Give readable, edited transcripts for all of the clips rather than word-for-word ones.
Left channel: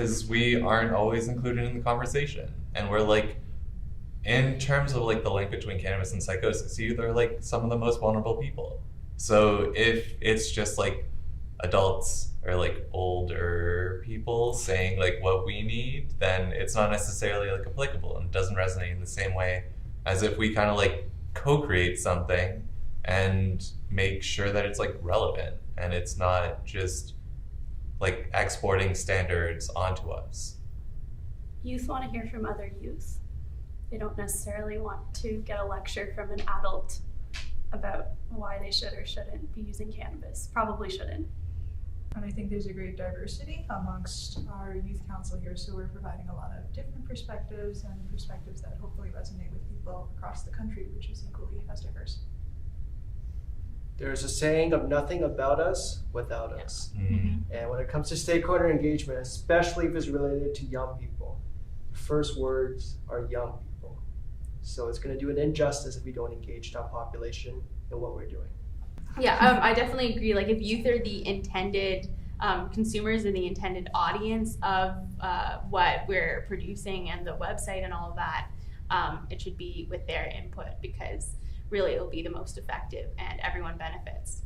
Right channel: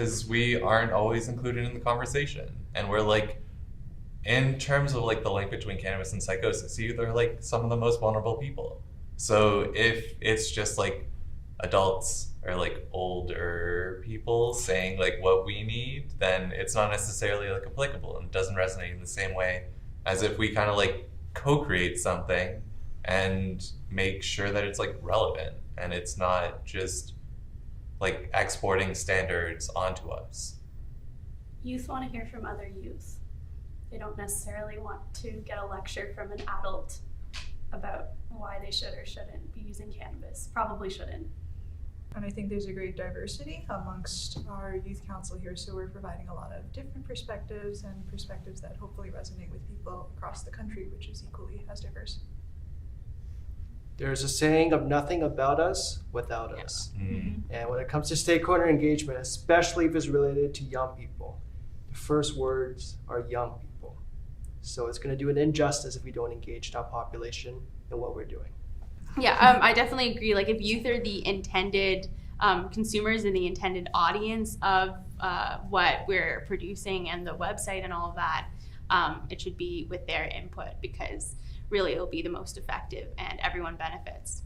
because we aren't always included in the conversation. And we're like, in terms of like the link between cannabis and psychosis, they're like some of the most vulnerable people. So if it's just like adults or like older people saying like what we need, then it's not necessarily like applicable and it doesn't resonate in the same way as if we kind of like co-create something and make sure that it's like relevant and it's not just like exporting standards onto us. Youth want to hear from other youth. They don't necessarily want to get a lecture from an adult about why they should or shouldn't be using cannabis. Probably shouldn't. And I think there's a great diversity amongst our youth council here, so we're providing a lot of different perspectives and perspectives that hopefully resonate with people across the country, which is equally as diverse. There's a saying of nothing about us without us. And when it comes to stakeholder engagement, especially if it's related to young people, the first words are young people. So it's going to do an injustice if we don't engage that population in what we're doing. Yeah, I definitely agree. Like if youth are the intended consumers and the intended audience of what we're producing and the website and all of that, it should be with their input because really it'll be the most effective and everyone benefits.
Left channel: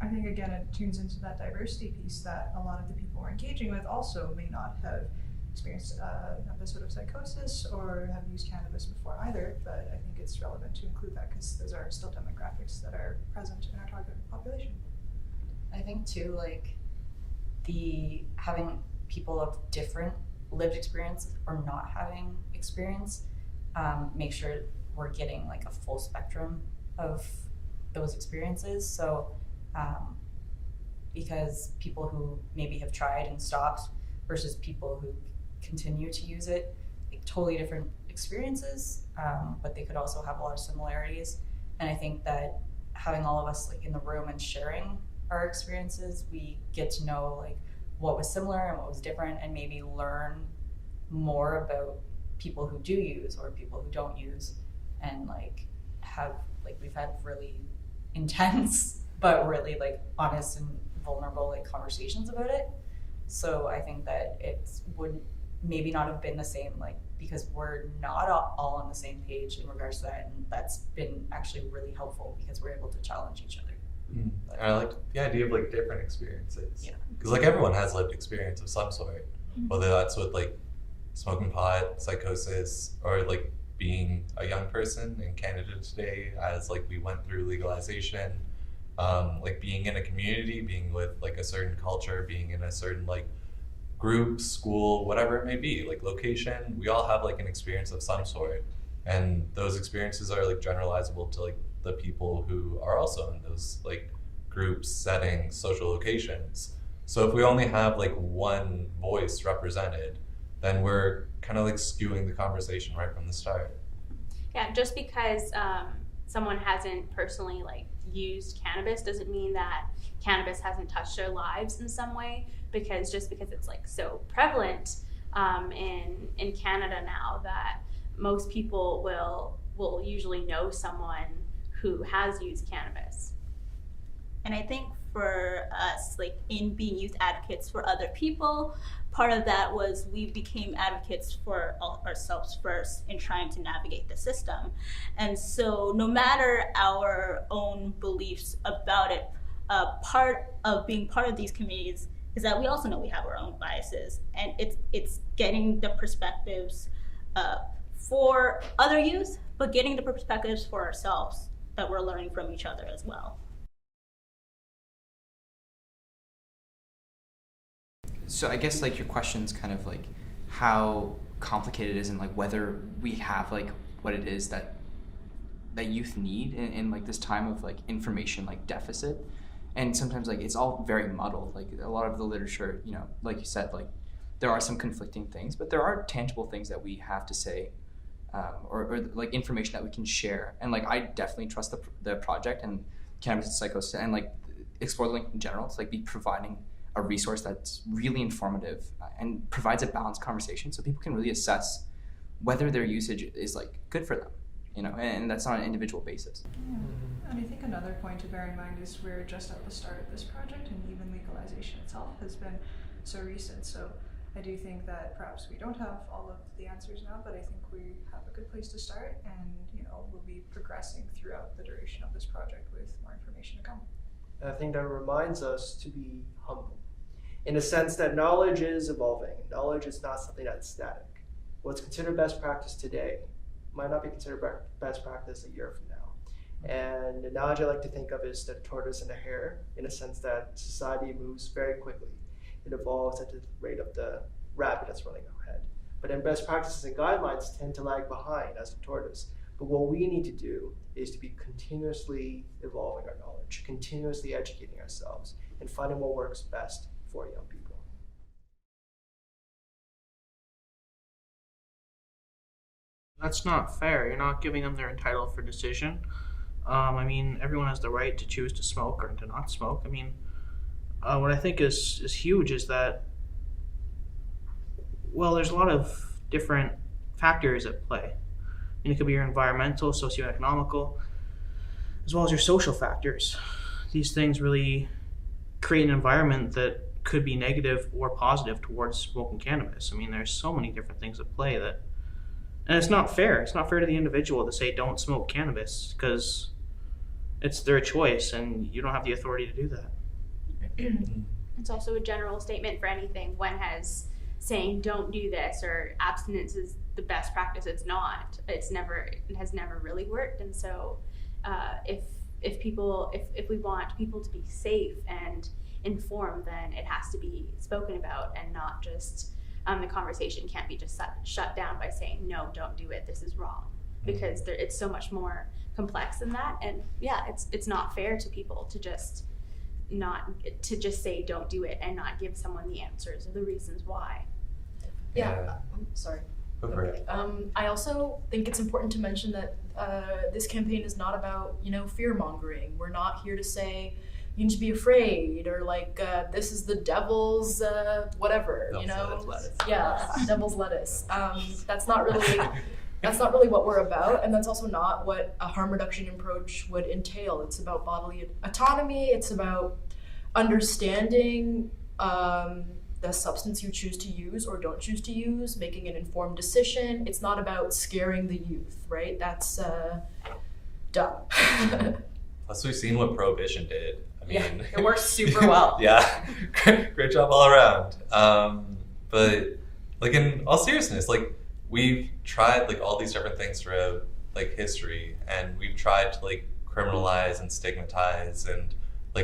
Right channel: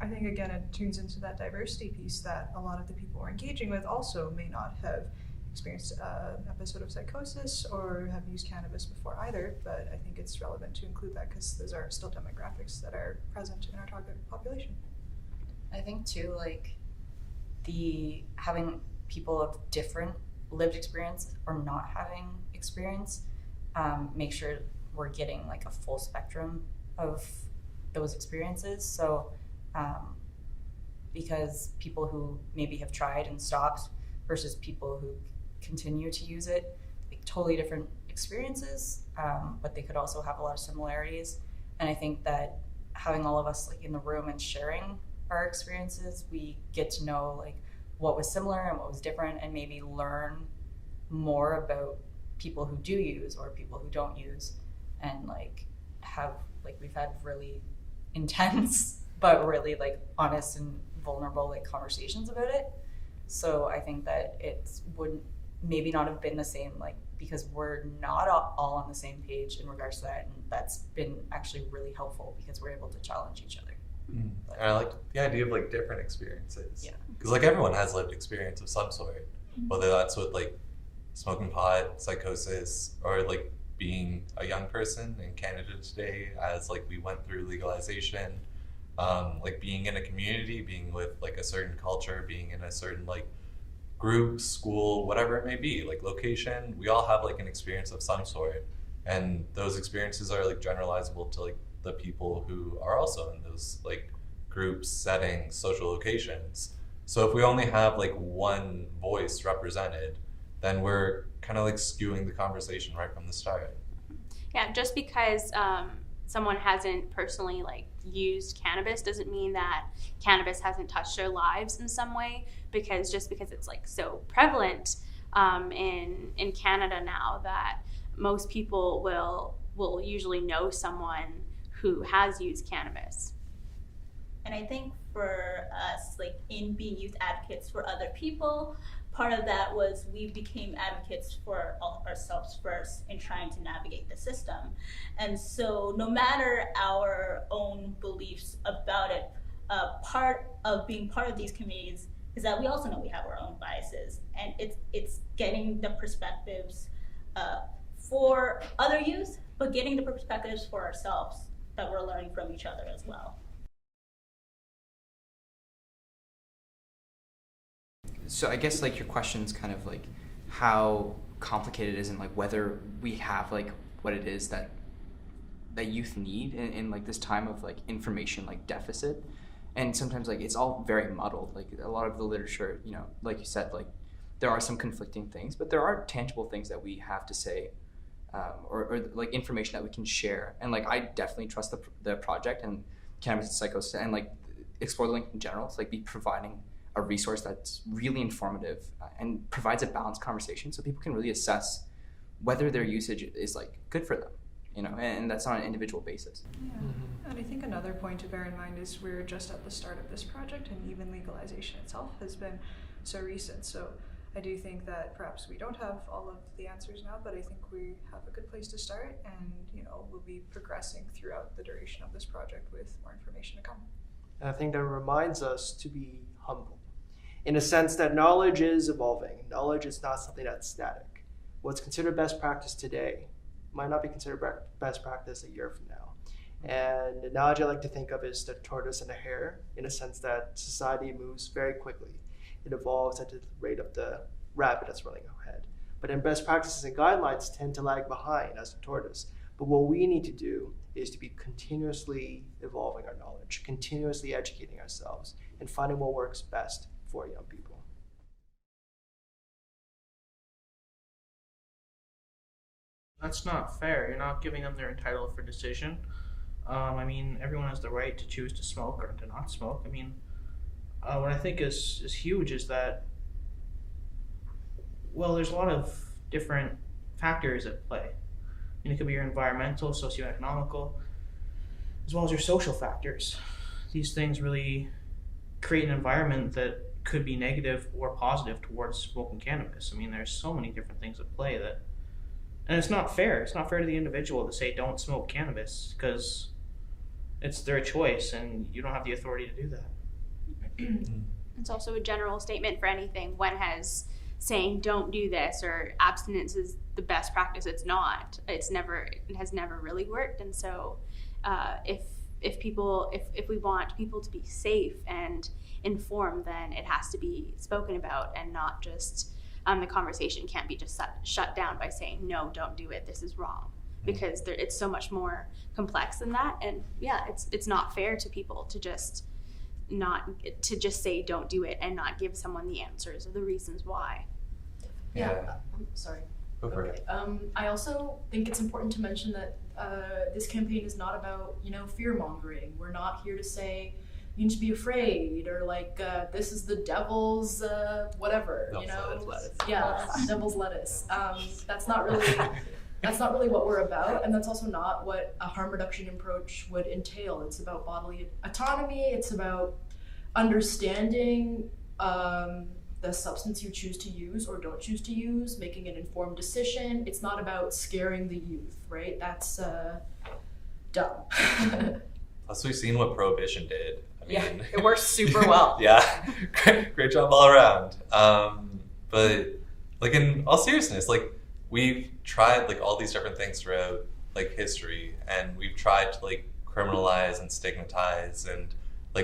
I think again it tunes into that diversity piece that a lot of the people we're engaging with also may not have experienced an episode of psychosis or have used cannabis before either, but I think it's relevant to include that because those are still demographics that are present in our target population. I think too, like the having people of different lived experience or not having experience, make sure we're getting like a full spectrum of those experiences. So because people who maybe have tried and stopped versus people who continue to use it, like totally different experiences, but they could also have a lot of similarities. And I think that having all of us like in the room and sharing our experiences, we get to know like what was similar and what was different and maybe learn more about people who do use or people who don't use, and like have like we've had really intense but really like honest and vulnerable like conversations about it. So I think that it would maybe not have been the same, like because we're not all on the same page in regards to that, and that's been actually really helpful because we're able to challenge each other. And I like the idea of like different experiences. Yeah. Because like everyone has lived experience of some sort, whether that's with like smoking pot, psychosis, or like being a young person in Canada today as like we went through legalization, like being in a community, being with like a certain culture, being in a certain like group, school, whatever it may be, like location, we all have like an experience of some sort. And those experiences are like generalizable to like the people who are also in those like groups, settings, social locations. So if we only have like one voice represented, then we're kind of like skewing the conversation right from the start. Yeah, just because someone hasn't personally like used cannabis doesn't mean that cannabis hasn't touched their lives in some way, because just because it's like so prevalent in Canada now that most people will usually know someone who has used cannabis. And I think for us, like in being youth advocates for other people, part of that was we became advocates for ourselves first in trying to navigate the system. And so no matter our own beliefs about it, part of being part of these communities is that we also know we have our own biases, and it's getting the perspectives for other youth, but getting the perspectives for ourselves that we're learning from each other as well. So I guess like your question's kind of like how complicated it is and like whether we have like what it is that youth need in like this time of like information like deficit. And sometimes like it's all very muddled. Like a lot of the literature, you know, like you said, like there are some conflicting things, but there are tangible things that we have to say, or like information that we can share. And like I definitely trust the project and Cannabis and Psychosis and like Explore the Link in general to like be providing a resource that's really informative and provides a balanced conversation so people can really assess whether their usage is like good for them, you know, and that's on an individual basis. Yeah. And I think another point to bear in mind is we're just at the start of this project, and even legalization itself has been so recent. So I do think that perhaps we don't have all of the answers now, but I think we have a good place to start, and we'll be progressing throughout the duration of this project with more information to come. And I think that reminds us to be humble, in the sense that knowledge is evolving. Knowledge is not something that's static. What's considered best practice today might not be considered best practice a year from now. And the analogy I like to think of is the tortoise and the hare, in a sense that society moves very quickly. It evolves at the rate of the rabbit that's running ahead. But then best practices and guidelines tend to lag behind as the tortoise. But what we need to do is to be continuously evolving our knowledge, continuously educating ourselves, and finding what works best for young people. That's not fair. You're not giving them their entitled for decision. I mean, everyone has the right to choose to smoke or to not smoke. I mean, what I think is huge is that, well, there's a lot of different factors at play. And it could be your environmental, socioeconomical, as well as your social factors. These things really create an environment that could be negative or positive towards smoking cannabis. I mean, there's so many different things at play that, and it's not fair. It's not fair to the individual to say don't smoke cannabis, because it's their choice and you don't have the authority to do that. It's also a general statement for anything. When has saying don't do this or abstinence is the best practice? It's not. It has never really worked. And so if we want people to be safe and informed, then it has to be spoken about, and not just the conversation can't be just shut down by saying no, don't do it, this is wrong, because it's so much more complex than that. And yeah, it's not fair to people to just say don't do it and not give someone the answers or the reasons why. Yeah. I'm sorry. Okay. I also think it's important to mention that this campaign is not about fear mongering. We're not here to say you need to be afraid, or this is the devil's whatever. Devil's lettuce. Yeah, devil's lettuce. That's not really what we're about, and that's also not what a harm reduction approach would entail. It's about bodily autonomy. It's about understanding the substance you choose to use or don't choose to use, making an informed decision. It's not about scaring the youth, right? That's dumb. Plus, we've seen what Prohibition did. I mean, it works super well. Yeah, great job all around. But in all seriousness, we've tried all these different things throughout history, and we've tried to criminalize and stigmatize and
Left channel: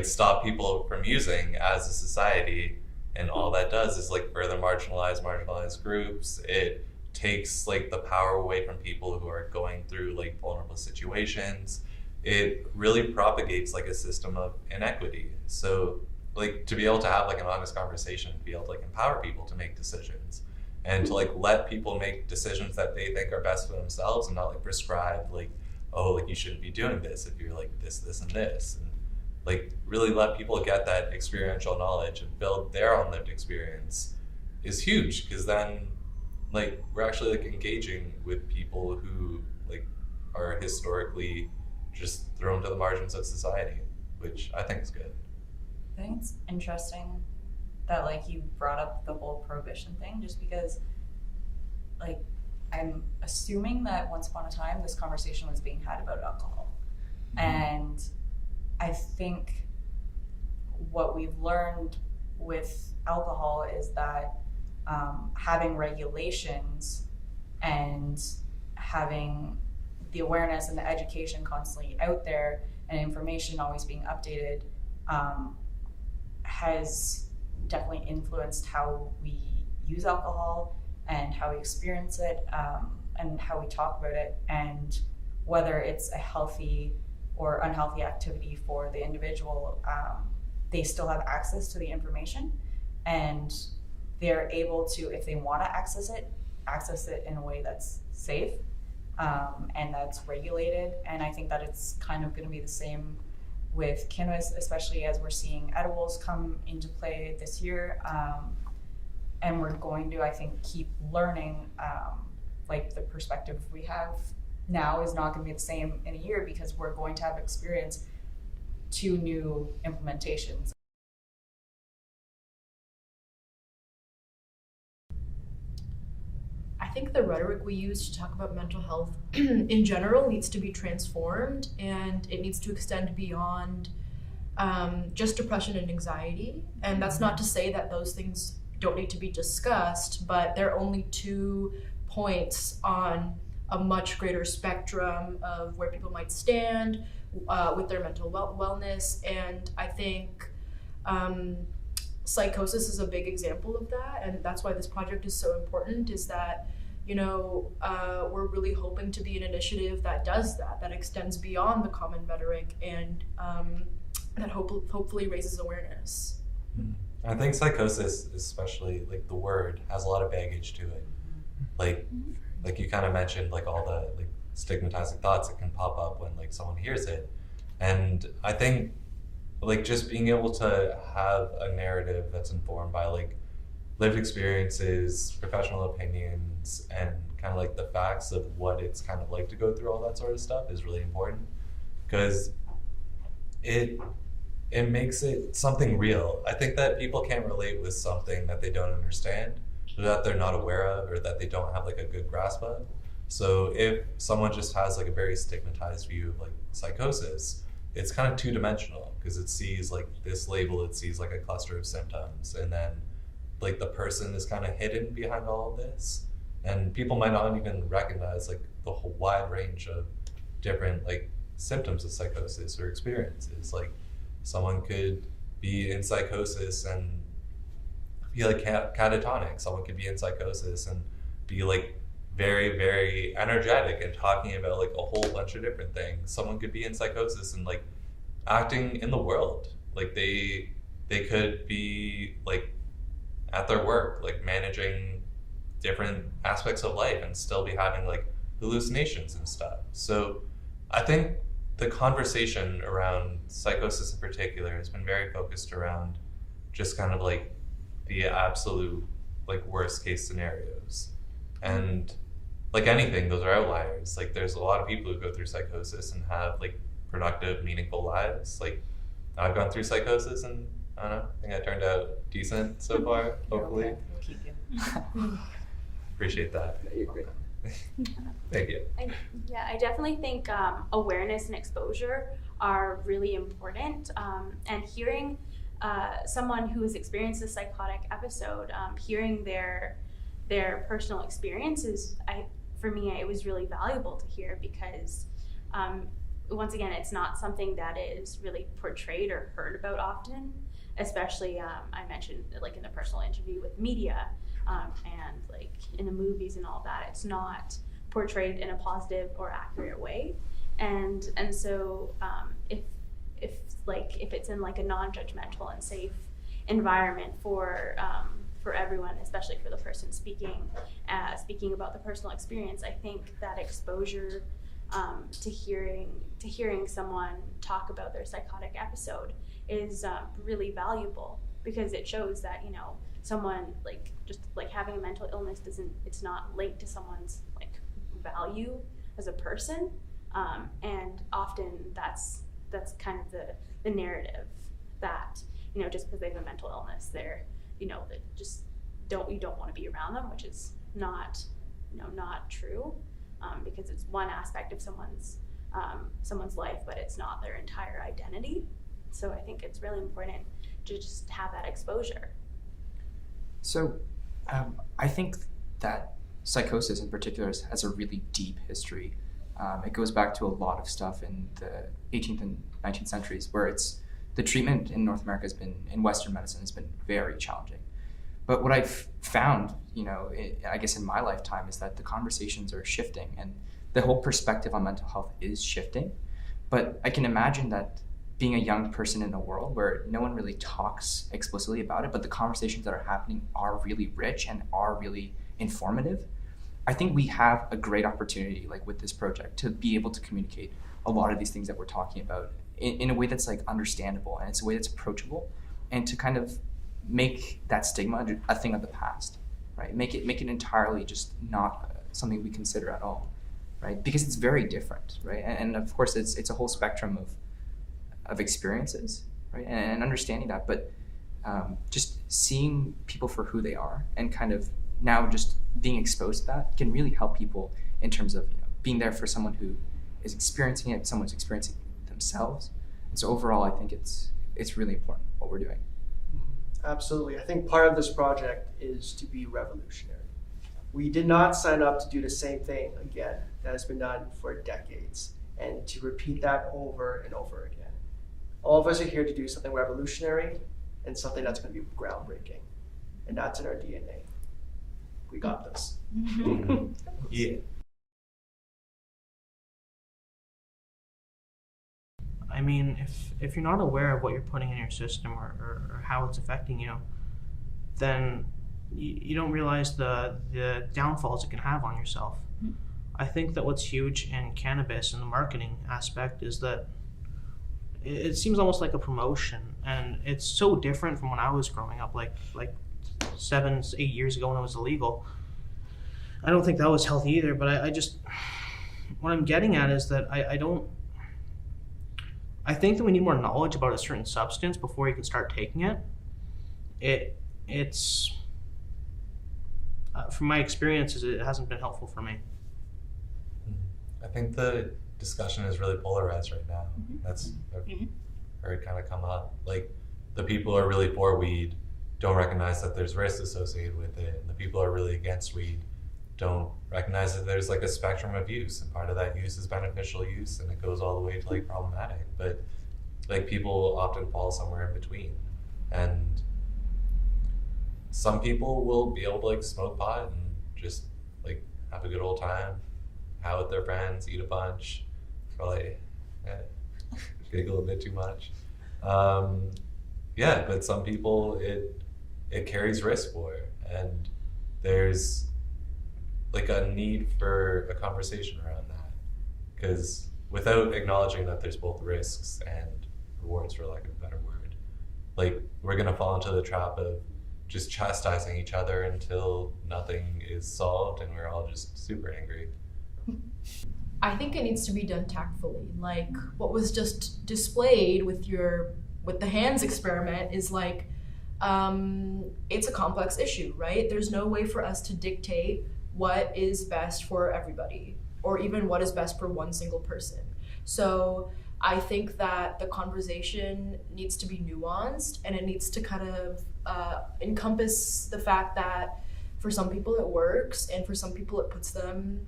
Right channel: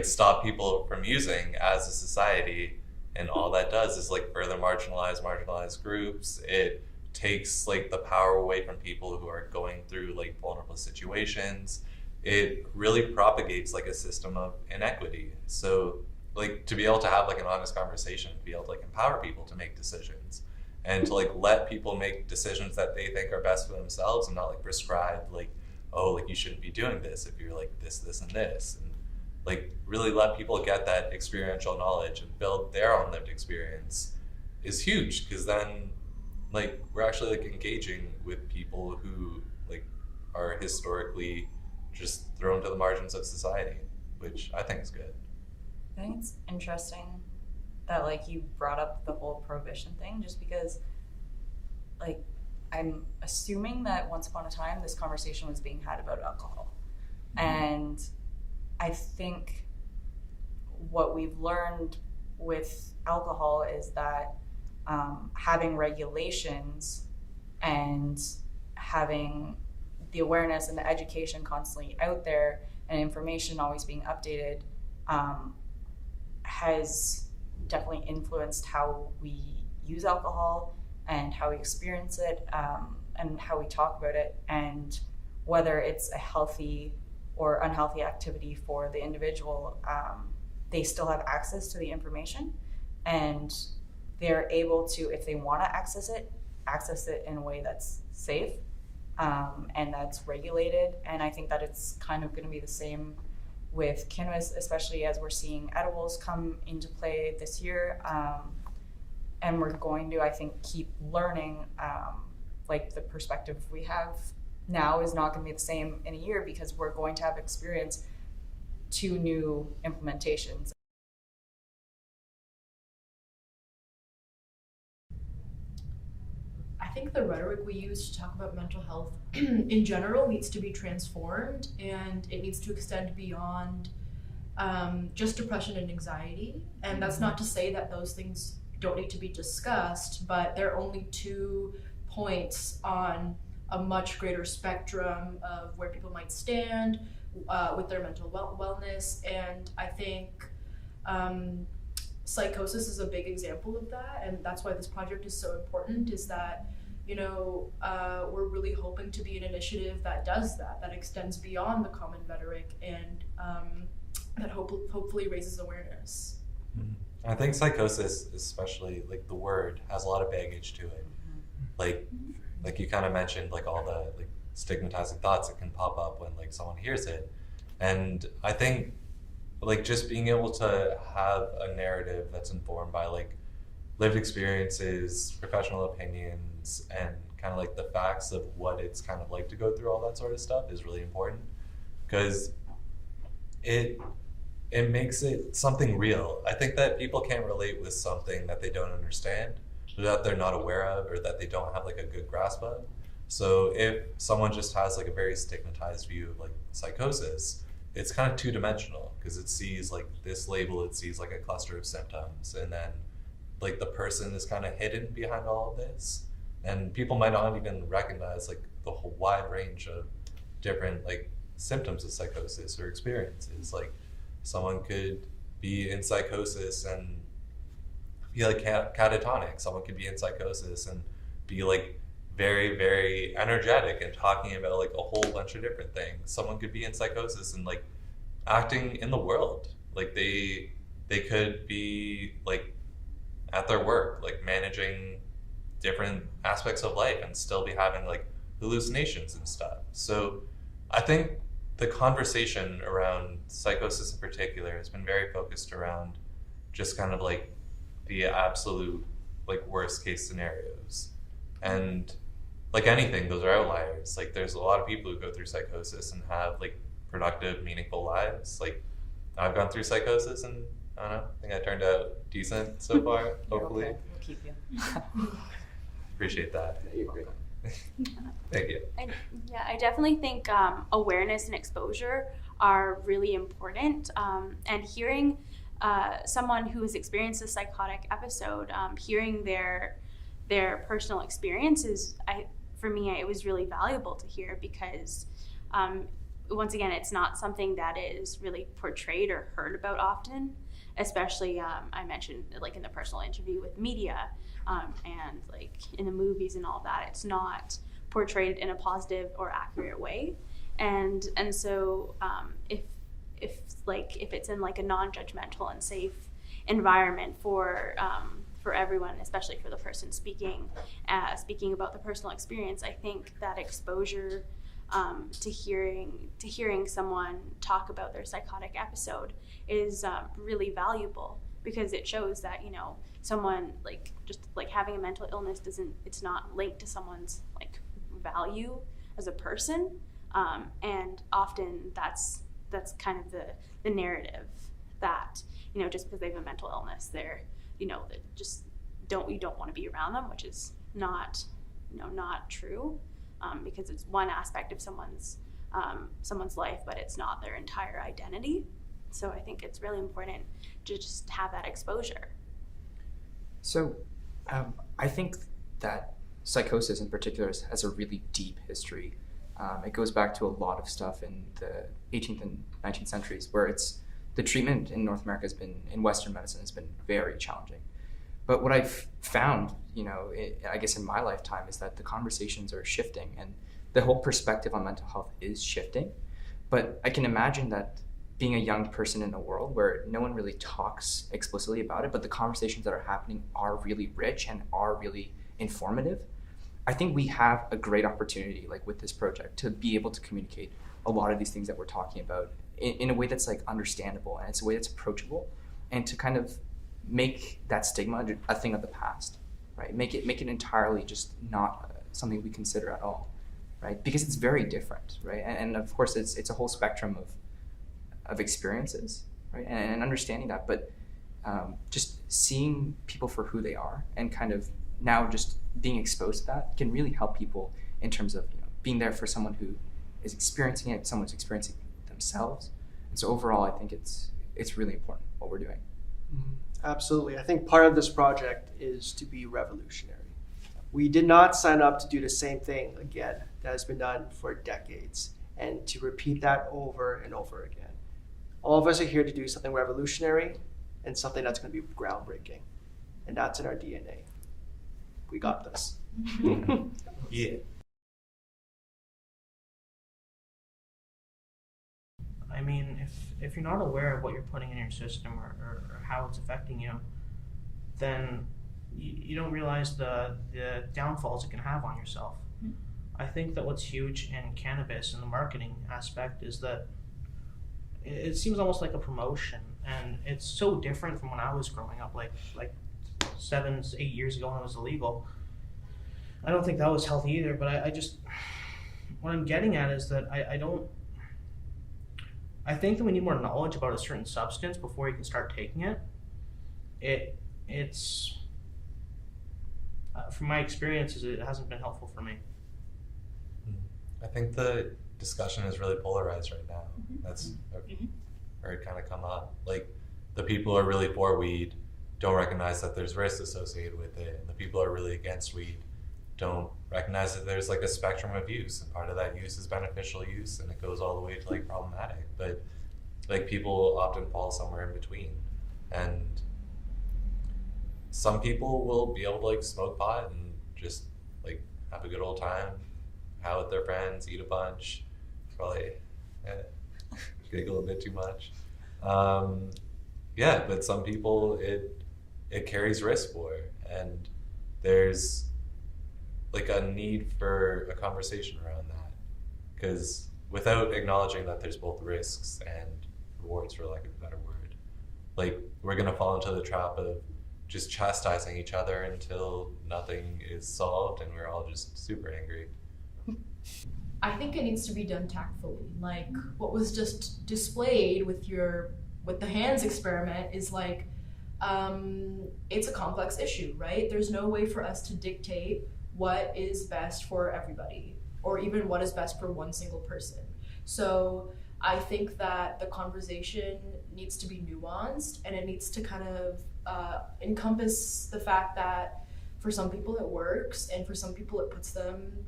stop people from using as a society. And all that does is further marginalized groups. It takes the power away from people who are going through vulnerable situations. It really propagates a system of inequity. So to be able to have an honest conversation, to be able to empower people to make decisions, and to let people make decisions that they think are best for themselves, and not prescribe you shouldn't be doing this if you're this and this, and really let people get that experiential knowledge and build their own lived experience is huge, because then we're actually engaging with people who are historically just thrown to the margins of society, which I think is good. I think it's interesting that you brought up the whole prohibition thing, just because I'm assuming that once upon a time this conversation was being had about alcohol. And I think what we've learned with alcohol is that having regulations and having the awareness and the education constantly out there and information always being updated has definitely influenced how we use alcohol and how we experience it, and how we talk about it, and whether it's a healthy or unhealthy activity for the individual. They still have access to the information, and they're able to, if they want to access it in a way that's safe and that's regulated. And I think that it's kind of going to be the same with cannabis, especially as we're seeing edibles come into play this year. And we're going to, I think, keep learning. The perspective we have now is not going to be the same in a year, because we're going to have experienced 2 new implementations. think the rhetoric we use to talk about mental health in general needs to be transformed, and it needs to extend beyond just depression and anxiety. And that's not to say that those things don't need to be discussed, but they're only 2 points on a much greater spectrum of where people might stand with their mental wellness. And I think psychosis is a big example of that, and that's why this project is so important, is that, you know, we're really hoping to be an initiative that does that, that extends beyond the common rhetoric, and that hopefully raises awareness. I think psychosis, especially like the word, has a lot of baggage to it. Like you kind of mentioned, like all the like stigmatizing thoughts that can pop up when like someone hears it. And I think like just being able to have a narrative that's informed by like lived experiences, professional opinions, and kind of like the facts of what it's kind of like to go through all that sort of stuff is really important, because it makes it something real. I think that people can't relate with something that they don't understand, or that they're not aware of, or that they don't have like a good grasp of. So if someone just has like a very stigmatized view of like psychosis, it's kind of two-dimensional, because it sees like this label, it sees like a cluster of symptoms, and then like the person is kind of hidden behind all of this, and people might not even recognize like the whole wide range of different like symptoms of psychosis or experiences. Like someone could be in psychosis and be like catatonic. Someone could be in psychosis and be like very, very energetic and talking about like a whole bunch of different things. Someone could be in psychosis and like acting in the world. Like they could be like at their work, like managing different aspects of life and still be having like hallucinations and stuff. So I think the conversation around psychosis in particular has been very focused around just kind of like the absolute like worst case scenarios. And like anything, those are outliers. Like there's a lot of people who go through psychosis and have like productive, meaningful lives. Like I've gone through psychosis and I don't know, I think I turned out decent so far, hopefully. Okay. We'll keep you. Appreciate that. You're great. Thank you. I definitely think awareness and exposure are really important. And hearing someone who has experienced a psychotic episode, hearing their personal experiences, for me, it was really valuable to hear, because once again, it's not something that is really portrayed or heard about often, especially I mentioned like in the personal interview with media and like in the movies and all that. It's not portrayed in a positive or accurate way, and so if it's in like a non-judgmental and safe environment for everyone, especially for the person speaking about the personal experience, I think that exposure to hearing someone talk about their psychotic episode is really valuable, because it shows that, you know, someone like just like having a mental illness it's not linked to someone's like value as a person, and often that's kind of the narrative that, you know, just because they have a mental illness, they're, you know, that just you don't want to be around them, which is not true, because it's one aspect of someone's life, but it's not their entire identity. So I think it's really important to just have that exposure. So I think that psychosis in particular has a really deep history. It goes back to a lot of stuff in the 18th and 19th centuries, where the treatment in North America in Western medicine has been very challenging. But what I've found, you know, I guess in my lifetime, is that the conversations are shifting and the whole perspective on mental health is shifting. But I can imagine that being a young person in a world where no one really talks explicitly about it, but the conversations that are happening are really rich and are really informative. I think we have a great opportunity, like with this project, to be able to communicate a lot of these things that we're talking about in a way that's like understandable, and it's a way that's approachable, and to kind of make that stigma a thing of the past, right? Make it entirely just not something we consider at all, right? Because it's very different, right? And of course, it's a whole spectrum of experiences, right? And understanding that, but just seeing people for who they are and kind of now just being exposed to that can really help people in terms of being there for someone who is experiencing it, someone's experiencing it themselves. And so overall, I think it's really important what we're doing. Absolutely. I think part of this project is to be revolutionary. We did not sign up to do the same thing again that has been done for decades and to repeat that over and over again. All of us are here to do something revolutionary and something that's going to be groundbreaking. And that's in our DNA. We got this. Yeah. I mean, if you're not aware of what you're putting in your system or how it's affecting you, then you don't realize the downfalls it can have on yourself. I think that what's huge in cannabis and the marketing aspect is that it seems almost like a promotion, and it's so different from when I was growing up, like 7, 8 years ago when it was illegal. I don't think that was healthy either, but I just, what I'm getting at is that I think that we need more knowledge about a certain substance before you can start taking it. It's from my experiences, it hasn't been helpful for me. I think the discussion is really polarized right now. That's heard kind of come up. Like, the people who are really for weed don't recognize that there's risks associated with it, and the people who are really against weed don't recognize that there's like a spectrum of use, and part of that use is beneficial use, and it goes all the way to like problematic. But like, people often fall somewhere in between, and some people will be able to like smoke pot and just like have a good old time, out with their friends, eat a bunch, probably giggle a bit too much. Yeah, but some people it carries risk for, and there's like a need for a conversation around that, because without acknowledging that there's both risks and rewards, for lack of a better word, like, we're gonna fall into the trap of just chastising each other until nothing is solved and we're all just super angry. I think it needs to be done tactfully. Like what was just displayed with the hands experiment is like, it's a complex issue, right? There's no way for us to dictate what is best for everybody, or even what is best for one single person. So I think that the conversation needs to be nuanced, and it needs to kind of encompass the fact that for some people it works, and for some people it puts them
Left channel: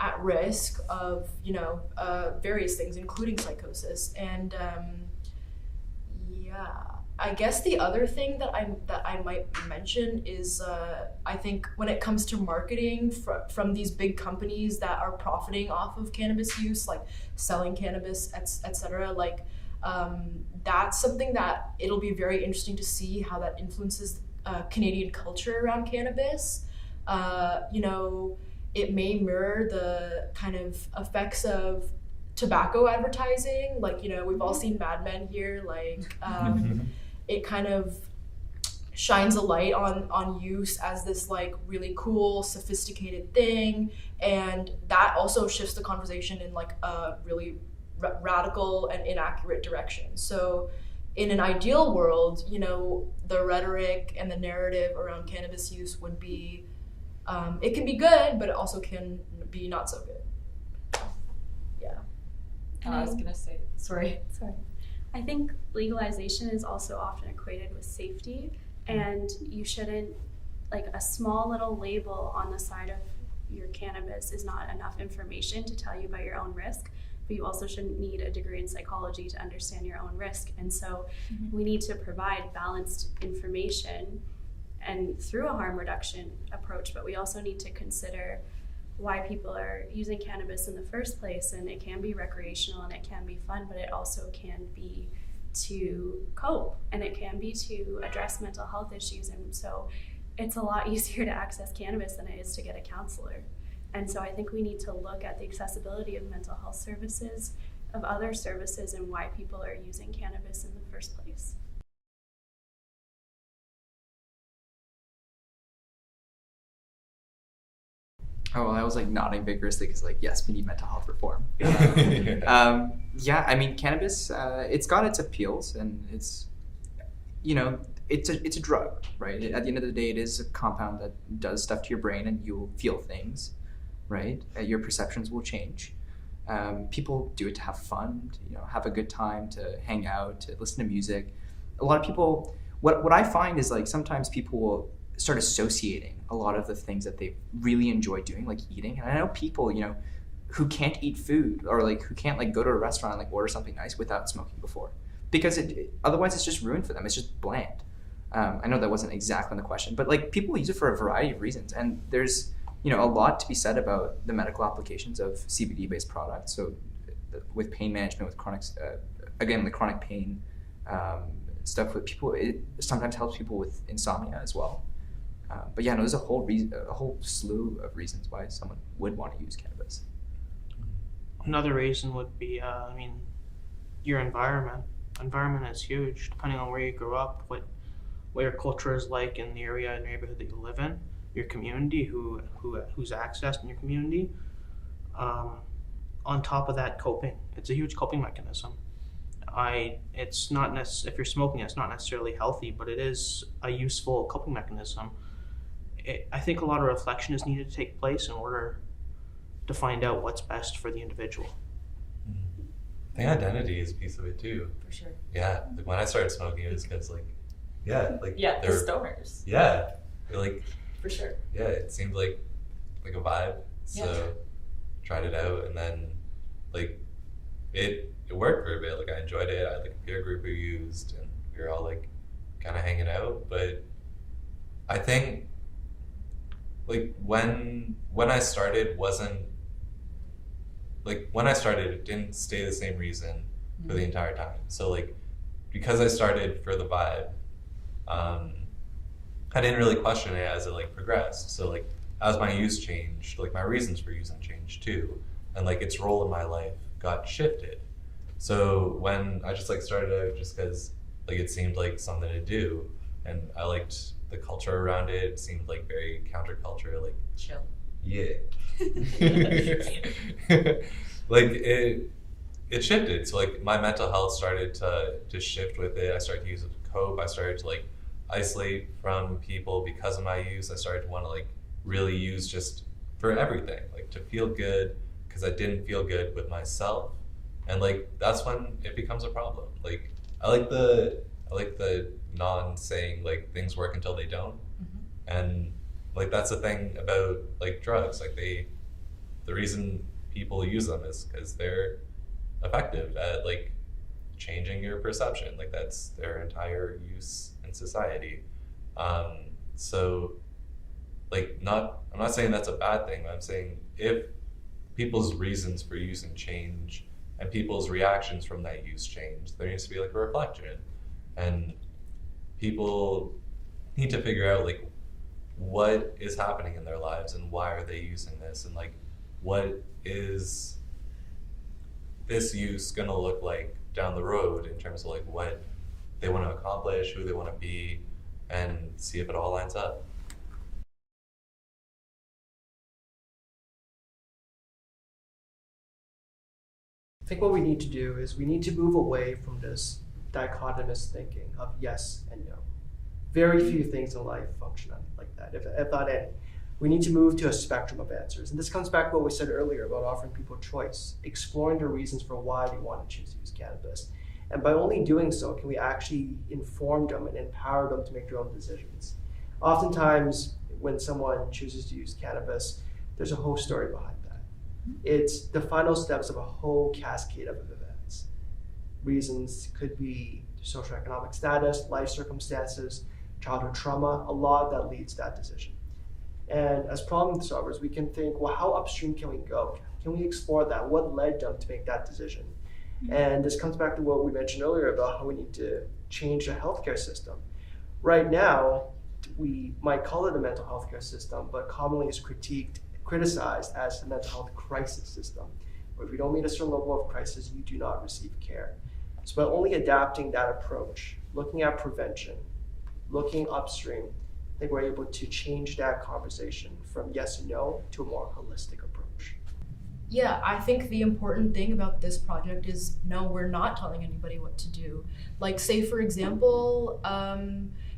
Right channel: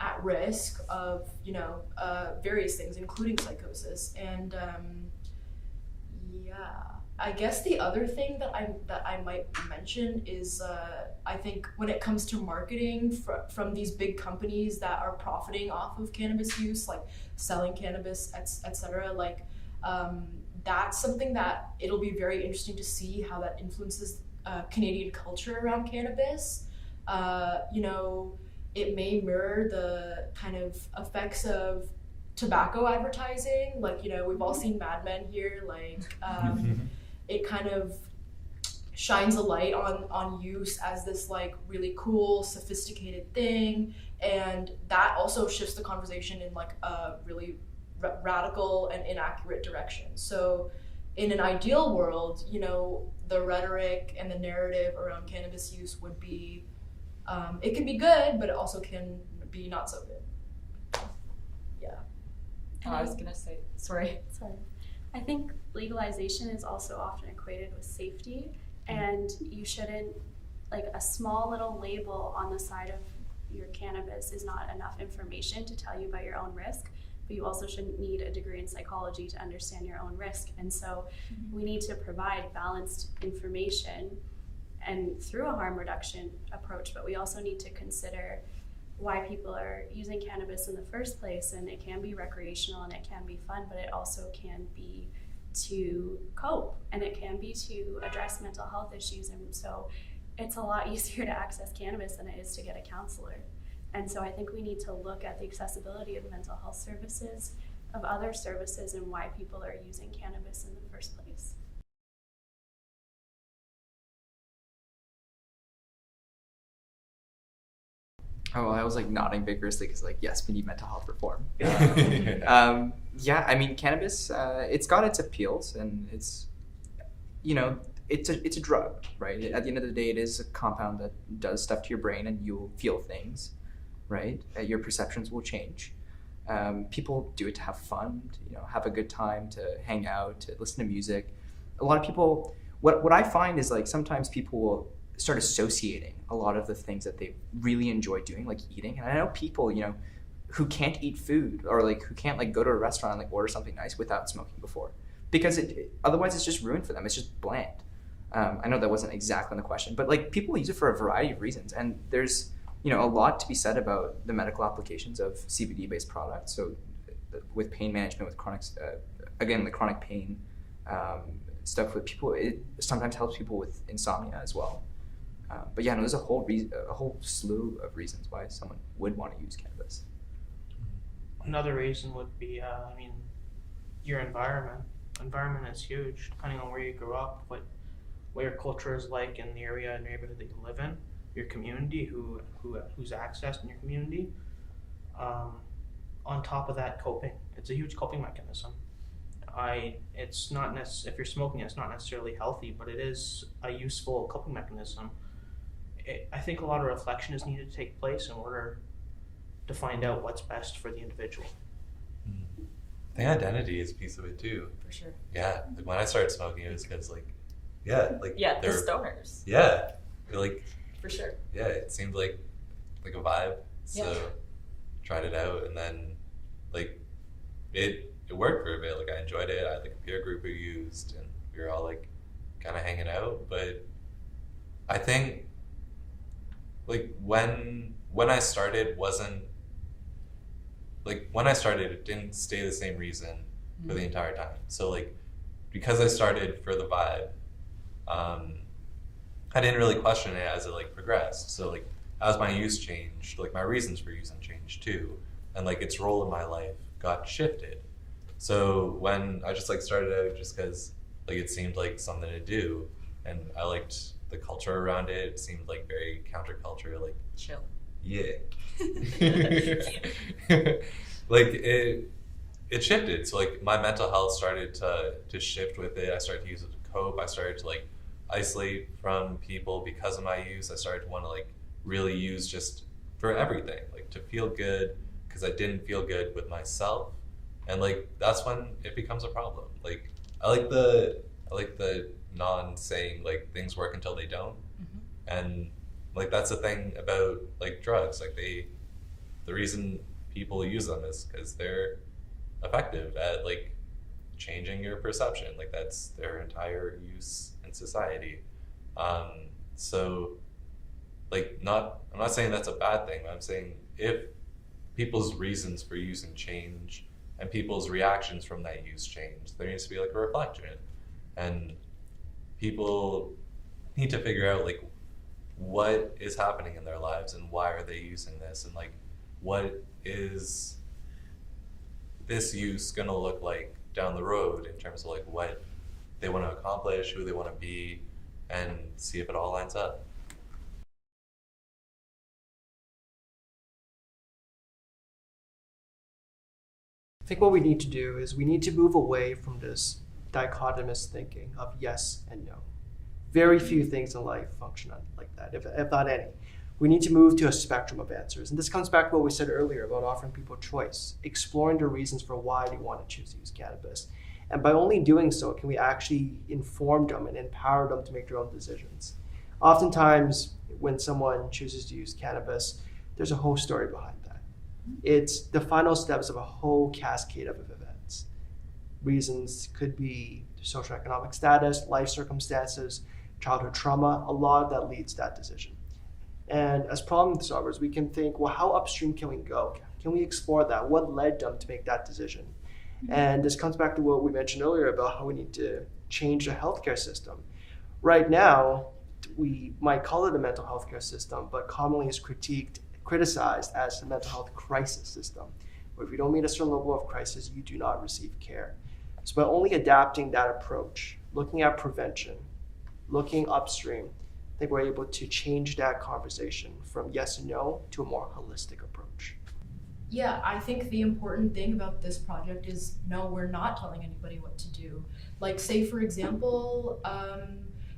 at risk of, various things, including psychosis. And I guess the other thing that I might mention is I think when it comes to marketing from these big companies that are profiting off of cannabis use, like selling cannabis, etc., like that's something that it'll be very interesting to see how that influences Canadian culture around cannabis. It may mirror the kind of effects of tobacco advertising. Like, we've all seen Mad Men here. Like, it kind of shines a light on use as this like really cool, sophisticated thing, and that also shifts the conversation in like a really radical and inaccurate direction. So in an ideal world, the rhetoric and the narrative around cannabis use would be, it can be good, but it also can be not so good. Yeah. I was gonna say, Sorry. I think legalization is also often equated with safety, and you shouldn't, like, a small little label on the side of your cannabis is not enough information to tell you about your own risk, but you also shouldn't need a degree in psychology to understand your own risk. And so we need to provide balanced information and through a harm reduction approach, but we also need to consider why people are using cannabis in the first place. And it can be recreational and it can be fun, but it also can be to cope, and it can be to address mental health issues. And so it's a lot easier to access cannabis than it is to get a counselor. And so I think we need to look at the accessibility of mental health services, of other services, and why people are using cannabis in the first place. Oh, well, I was like nodding vigorously because, like, yes, we need mental health reform. Yeah, I mean, cannabis, it's got its appeals, and it's you know, it's a drug, right? At the end of the day, it is a compound that does stuff to your brain, and you'll feel things, right? Your perceptions will change. People do it to have fun, to, you know, have a good time, to hang out, to listen to music. A lot of people, what I find is like sometimes people will start associating a lot of the things that they really enjoy doing, like eating. And I know people, you know, who can't eat food, or like who can't like go to a restaurant and like order something nice without smoking before, because otherwise it's just ruined for them. It's just bland. I know that wasn't exactly the question, but like people use it for a variety of reasons, and there's, you know, a lot to be said about the medical applications of CBD-based products. So with pain management, with chronic, again, the chronic pain stuff with people, it sometimes helps people with insomnia as well. But yeah, no, there's a whole slew of reasons why someone would want to use cannabis. Another reason would be, I mean, your environment. Environment is huge, depending on where you grew up, what your culture is like in the area and neighborhood that you live in, your community, who's accessed in your community. On top of that, coping. It's a huge coping mechanism. It's not if you're smoking, it's not necessarily healthy, but it is a useful coping mechanism. I think a lot of reflection is needed to take place in order to find out what's best for the individual. I think identity is a piece of it too. For sure. Yeah, like when I started smoking, it was because the stoners. Yeah, like For sure. yeah, it seemed like a vibe. So tried it out, and then like it worked for a bit. Like I enjoyed it. I had like a peer group who used, and we were all like kind of hanging out. But I think like when I started wasn't like when I started, it didn't stay the same reason for the entire time. So like because I started for the vibe, I didn't really question it as it like progressed. So like as my use changed, like my reasons for using changed too, and like its role in my life got shifted. So when I just like started out just because like it seemed like something to do, and I liked the culture around it. It seemed like very counterculture, like Chill. yeah. Like it shifted. So like my mental health started to shift with it. I started to use it to cope. I started to like isolate from people because of my use. I started to want to like really use just for everything, like to feel good, because I didn't feel good with myself. And like that's when it becomes a problem. Like I like the non-saying like things work until they don't. And like that's the thing about like drugs. Like the reason people use them is because they're effective at like changing your perception. Like that's their entire use in society. So like I'm not saying that's a bad thing. I'm saying if people's reasons for using change and people's reactions from that use change, there needs to be like a reflection, and people need to figure out like what is happening in their lives and why are they using this, and like what is this use going to look like down the road in terms of like what they want to accomplish, who they want to be, and see if it all lines up. I think what we need to do is we need to move away from this dichotomous thinking of yes and no. Very few things in life function like that, if not any. We need to move to a spectrum of answers. And this comes back to what we said earlier about offering people choice, exploring the reasons for why they want to choose to use cannabis. And by only doing so, can we actually inform them and empower them to make their own decisions. Oftentimes, when someone chooses to use cannabis, there's a whole story behind that. It's the final steps of a whole cascade of events. Reasons could be socioeconomic status, life circumstances, childhood trauma. A lot of that leads to that decision. And as problem solvers, we can think, well, how upstream can we go? Can we explore that? What led them to make that decision? And this comes back to what we mentioned earlier about how we need to change the healthcare system. Right now, we might call it a mental health care system, but commonly is criticized as a mental health crisis system, where if you don't meet a certain level of crisis, you do not receive care. So by only adapting that approach, looking at prevention, looking upstream, I think we're able to change that conversation from yes and no to a more holistic approach. Yeah, I think the important thing about this project is no, we're not telling anybody what to do. Like, say for example,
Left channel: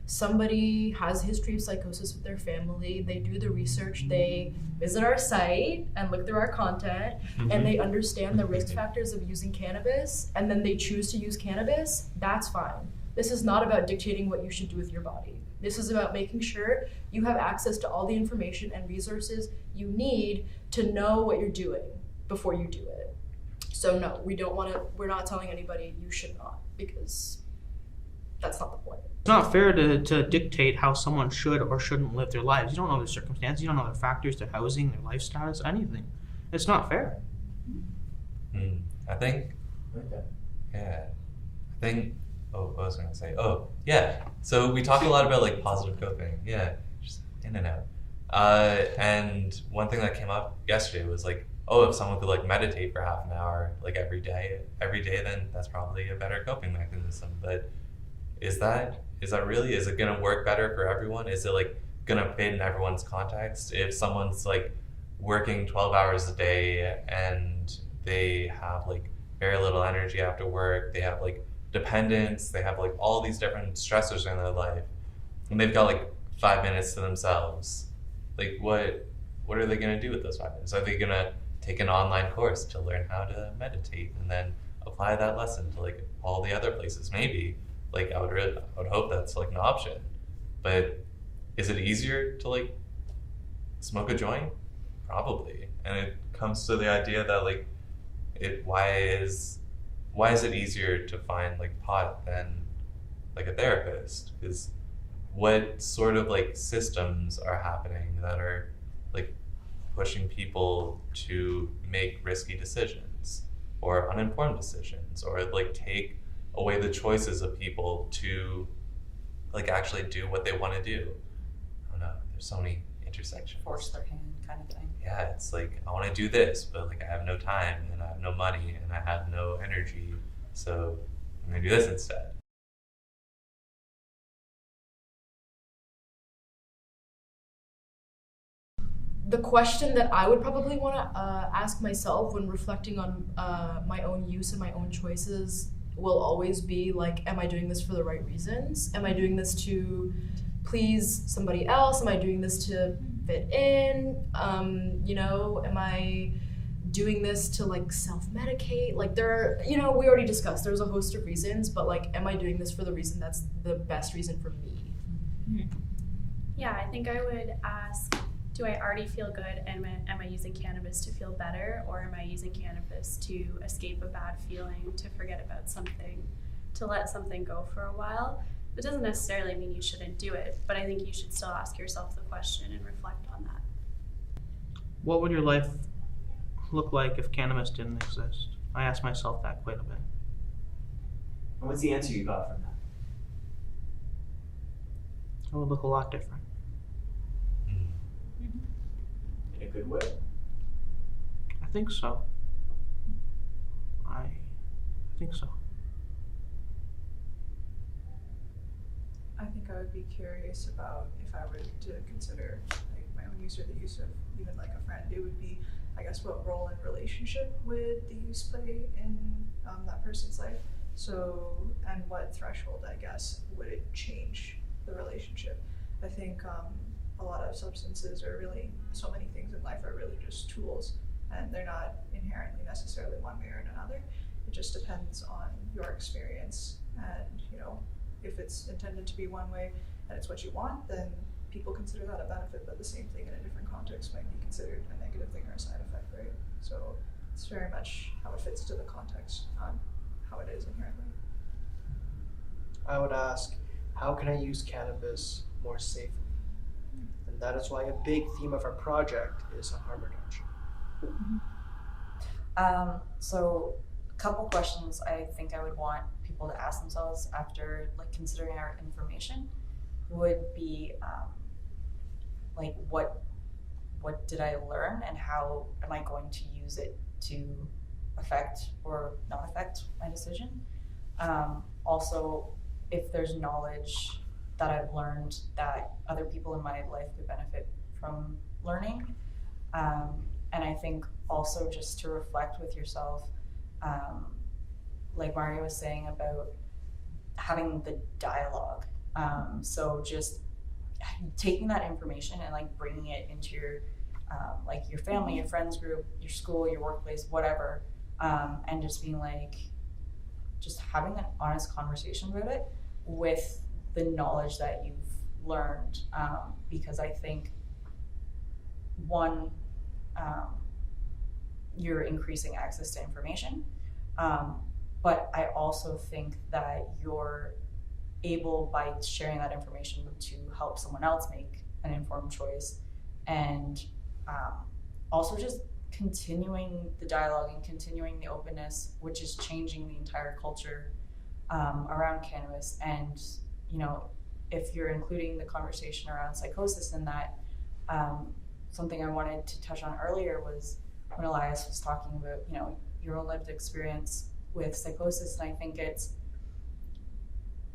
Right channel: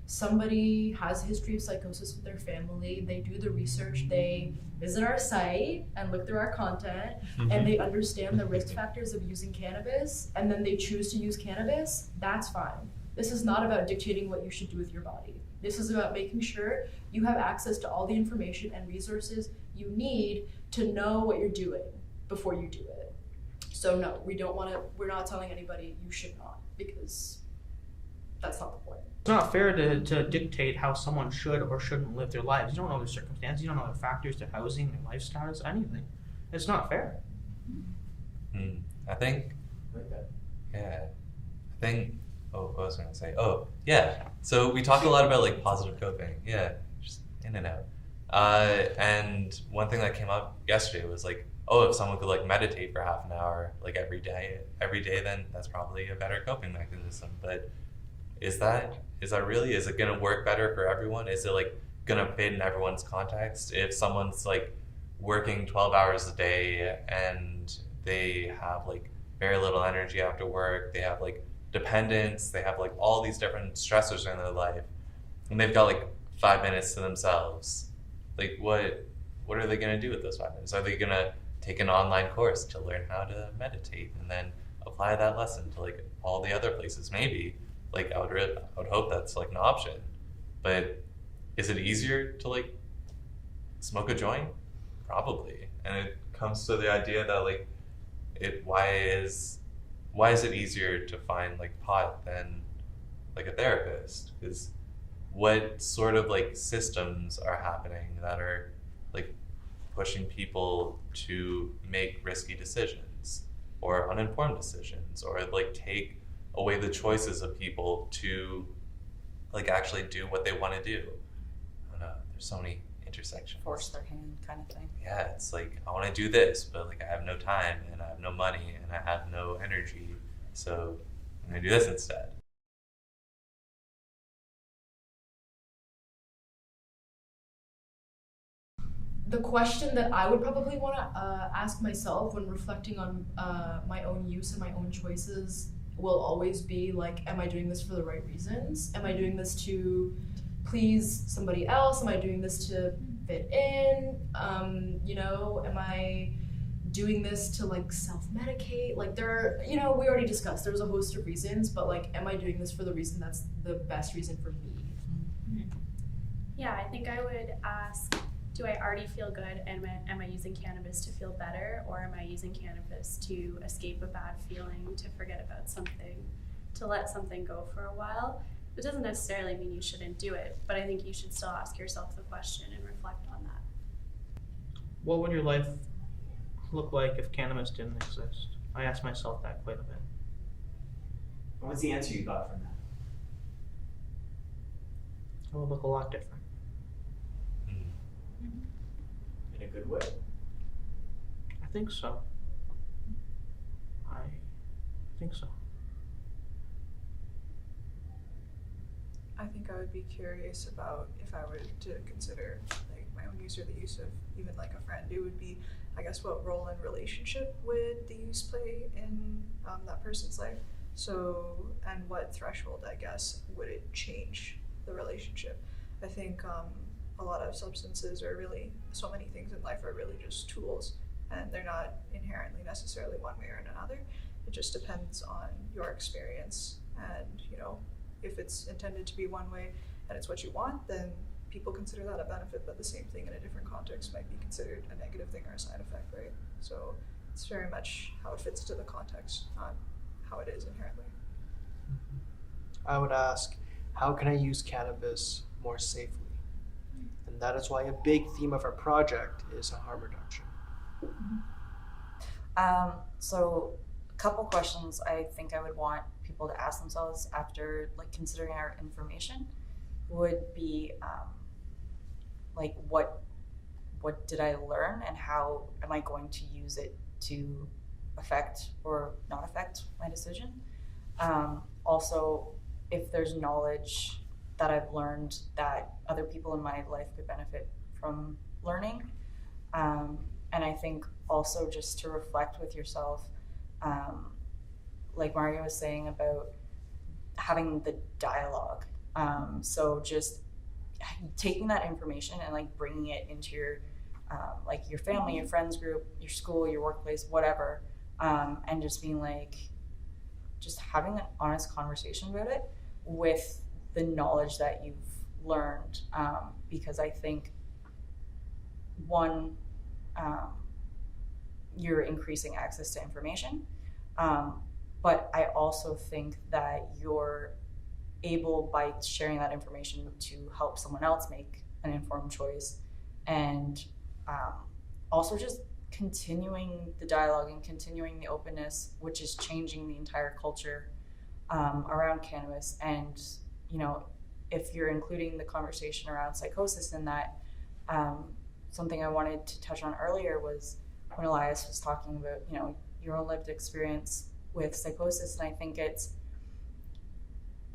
somebody has a history of psychosis with their family, they do the research, they visit our site and look through our content, and they understand the risk factors of using cannabis, and then they choose to use cannabis, that's fine. This is not about dictating what you should do with your body. This is about making sure you have access to all the information and resources you need to know what you're doing before you do it. So no, we're not telling anybody you should not, because that's not the point. It's not fair to dictate how someone should or shouldn't live their lives. You don't know their circumstances, you don't know their factors, their housing, their lifestyles, anything. It's not fair. I think, what was I going to say? Oh, yeah. So we talk a lot about like positive coping. Yeah, just in and out. And one thing that came up yesterday was like, oh, if someone could like meditate for half an hour, like every day, then that's probably a better coping mechanism. But is that really, is it going to work better for everyone? Is it like going to fit in everyone's context? If someone's like working 12 hours a day and they have like very little energy after work, they have like dependence, they have like all these different stressors in their life, and they've got like 5 minutes to themselves, like what are they going to do with those 5 minutes? Are they going to take an online course to learn how to meditate and then apply that lesson to like all the other places? Maybe. Like I would hope that's like an option, but is it easier to like smoke a joint? Probably. And it comes to the idea that like why is it easier to find like pot than like a therapist? Because what sort of like systems are happening that are like pushing people to make risky decisions or uninformed decisions, or like take away the choices of people to like actually do what they want to do? I don't know, there's so many intersections. Force their hand kind of thing. Yeah, it's like I want to do this, but like I have no time and I have no money and I have no energy, so I'm gonna do this instead. The question that I would probably want to ask myself when reflecting on my own use and my own choices will always be like, am I doing this for the right reasons? Am I doing this to please somebody else? Am I doing this to fit in? Am I doing this to like self-medicate? Like there are, we already discussed, there's a host of reasons, but like, am I doing this for the reason that's the best reason for me? Yeah, I think I would ask, do I already feel good, and am I using cannabis to feel better, or am I using cannabis to escape a bad feeling, to forget about something, to let something go for a while? It doesn't necessarily mean you shouldn't do it, but I think you should still ask yourself the question and reflect on that. What would your life look like if cannabis didn't exist? I ask myself that quite a bit. And what's the answer you got from that? It would look a lot different. In a good way? I think so. I think so. I think I would be curious about, if I were to consider like my own use or the use of even like a friend, it would be, I guess, what role and relationship would the use play in that person's life? So, and what threshold, I guess, would it change the relationship? I think a lot of substances are really, so many things in life are really just tools, and they're not inherently necessarily one way or another. It just depends on your experience, and if it's intended to be one way and it's what you want, then people consider that a benefit, but the same thing in a different context might be considered a negative thing or a side effect, right? So it's very much how it fits to the context, not how it is inherently. I would ask, how can I use cannabis more safely? And that is why a big theme of our project is harm reduction. So a couple questions I think I would want people to ask themselves after like considering our information would be like what did I learn, and how am I going to use it to affect or not affect my decision? Also, if there's knowledge that I've learned that other people in my life could benefit from learning. And I think also just to reflect with yourself, like Mario was saying about having the dialogue. So just taking that information and like bringing it into your like your family, your friends group, your school, your workplace, whatever, and just being like, just having an honest conversation about it with the knowledge that you've learned, because I think one, you're increasing access to information, but I also think that you're able, by sharing that information, to help someone else make an informed choice, and also just continuing the dialogue and continuing the openness, which is changing the entire culture around cannabis. And you know, if you're including the conversation around psychosis in that, something I wanted to touch on earlier was when Elias was talking about, you know, your own lived experience with psychosis. And I think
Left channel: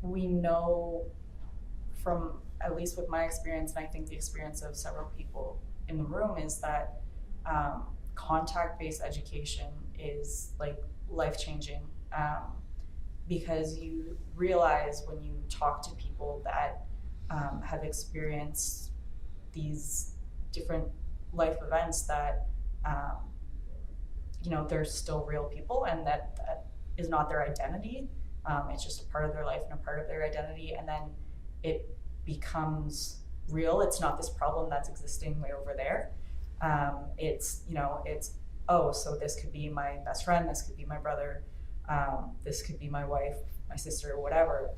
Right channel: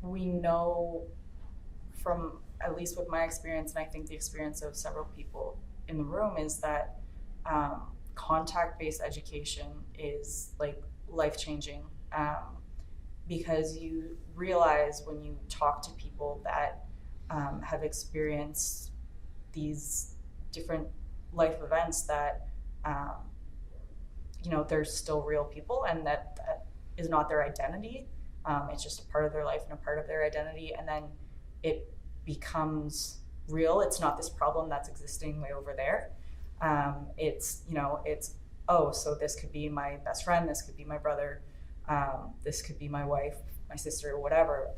we know from, at least with my experience, and I think the experience of several people in the room, is that contact-based education is like life-changing, because you realize when you talk to people that have experienced these different life events that you know, they're still real people, and that is not their identity. It's just a part of their life and a part of their identity, and then it becomes real. It's not this problem that's existing way over there. It's, you know, it's, oh, so this could be my best friend, this could be my brother, this could be my wife, my sister, or whatever.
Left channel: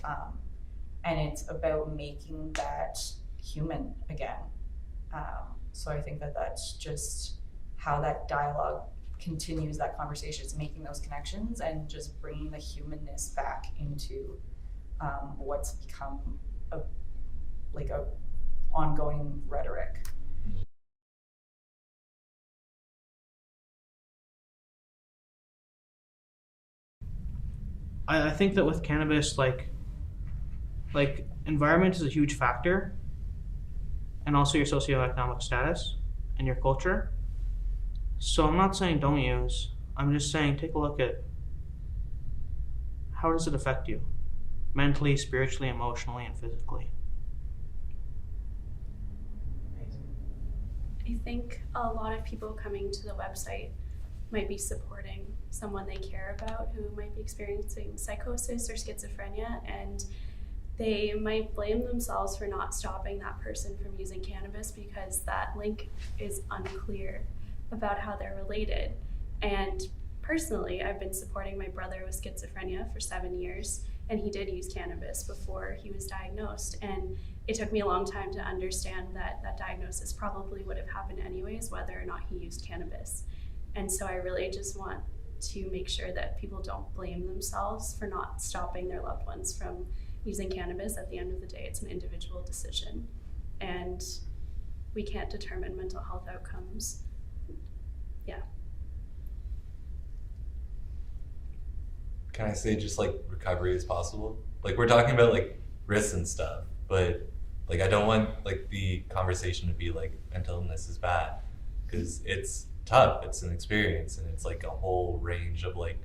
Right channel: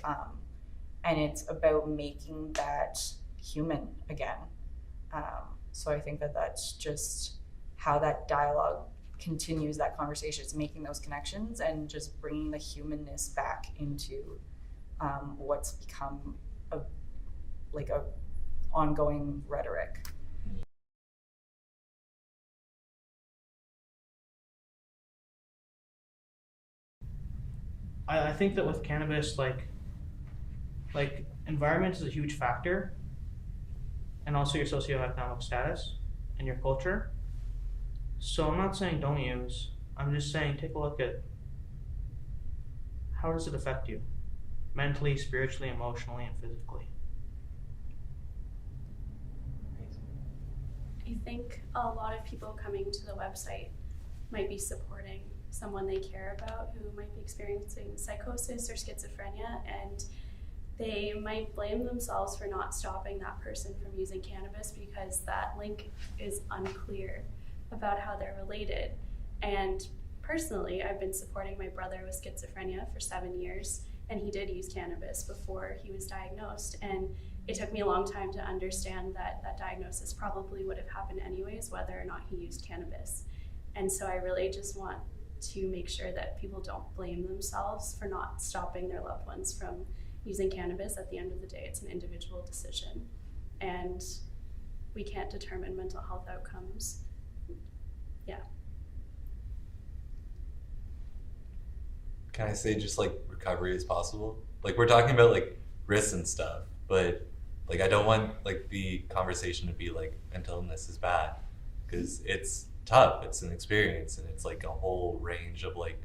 And it's about making that human again. So I think that that's just how that dialogue continues that conversation. It's making those connections and just bringing the humanness back into what's become a ongoing rhetoric. I think that with cannabis, like environment is a huge factor, and also your socioeconomic status and your culture. So I'm not saying don't use, I'm just saying take a look at how does it affect you mentally, spiritually, emotionally, and physically. I think a lot of people coming to the website might be supporting someone they care about who might be experiencing psychosis or schizophrenia, and they might blame themselves for not stopping that person from using cannabis because that link is unclear about how they're related. And personally, I've been supporting my brother with schizophrenia for 7 years, and he did use cannabis before he was diagnosed. And it took me a long time to understand that that diagnosis probably would have happened anyways, whether or not he used cannabis. And so I really just want to make sure that people don't blame themselves for not stopping their loved ones from using cannabis. At the end of the day, it's an individual decision, and we can't determine mental health outcomes. Yeah. Can I say just like recovery is possible? Like we're talking about like risks and stuff, but like I don't want like the conversation to be like mental illness is bad, because it's tough, it's an experience, and it's like a whole range of like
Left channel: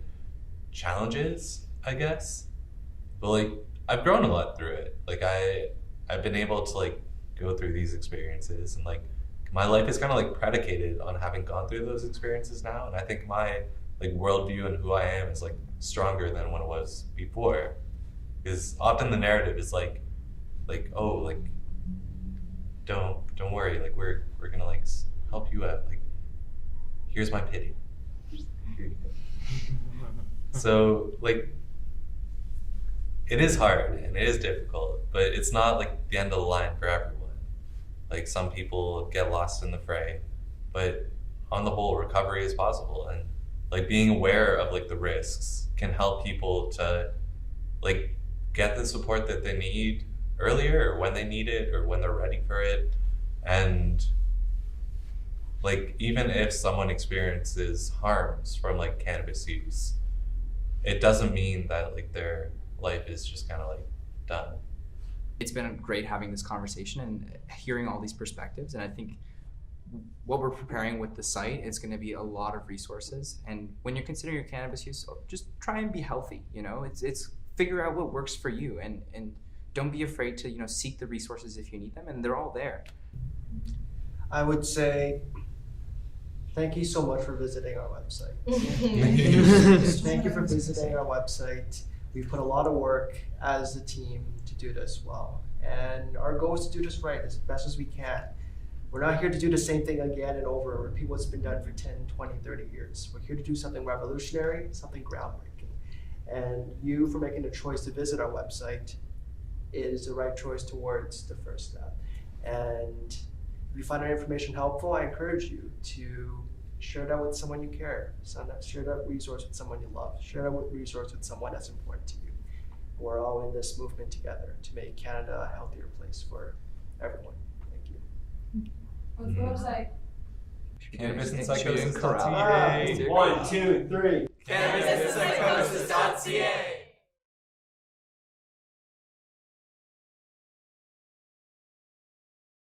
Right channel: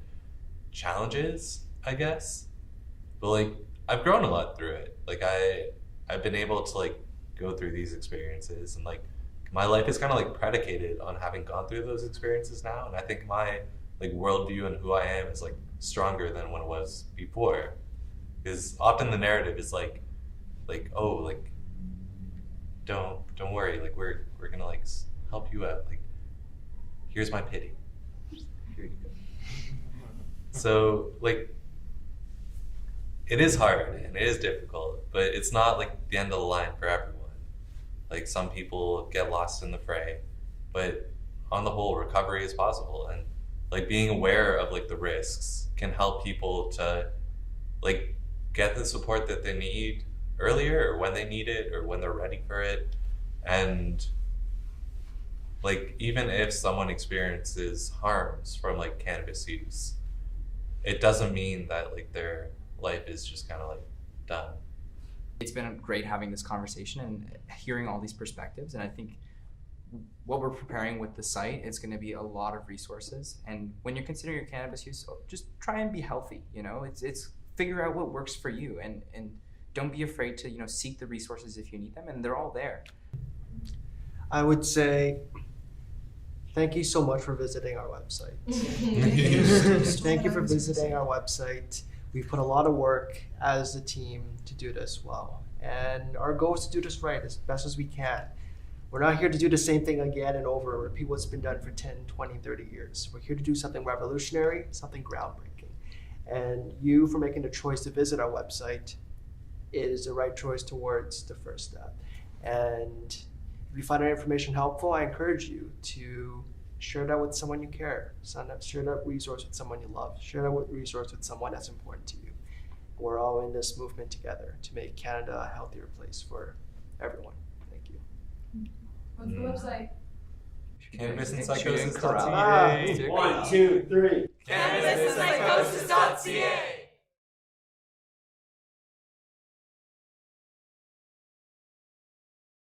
challenges, I guess. But like I've grown a lot through it. Like I've been able to like go through these experiences, and like my life is kind of like predicated on having gone through those experiences now. And I think my like worldview and who I am is like stronger than what it was before, because often the narrative is like oh, like don't worry, like we're gonna like help you out, like here's my pity, here you go. So like it is hard and it is difficult, but it's not like the end of the line for everyone. Like some people get lost in the fray, but on the whole, recovery is possible. And like being aware of like the risks can help people to like get the support that they need earlier, or when they need it, or when they're ready for it. And like even if someone experiences harms from like cannabis use, it doesn't mean that like their life is just kind of like done. It's been great having this conversation and hearing all these perspectives, and I think what we're preparing with the site is going to be a lot of resources. And when you're considering your cannabis use, just try and be healthy. You know, it's figure out what works for you, and don't be afraid to, you know, seek the resources if you need them, and they're all there. I would say thank you so much for visiting our website. Thank you for visiting our website. We've put a lot of work as a team to do this well. And our goal is to do this right as best as we can. We're not here to do the same thing again and over and repeat what's been done for 10, 20, 30 years. We're here to do something revolutionary, something groundbreaking. And you, for making the choice to visit our website, is the right choice towards the first step. And if you find our information helpful, I encourage you to share that with someone you care. Share that resource with someone you love. Share that resource with someone that's important to you. We're all in this movement together to make Canada a healthier place for everyone. Thank you. What's the website? Cannabis and psychosis.ca. 1, 2, 3. Cannabis and psychosis.ca.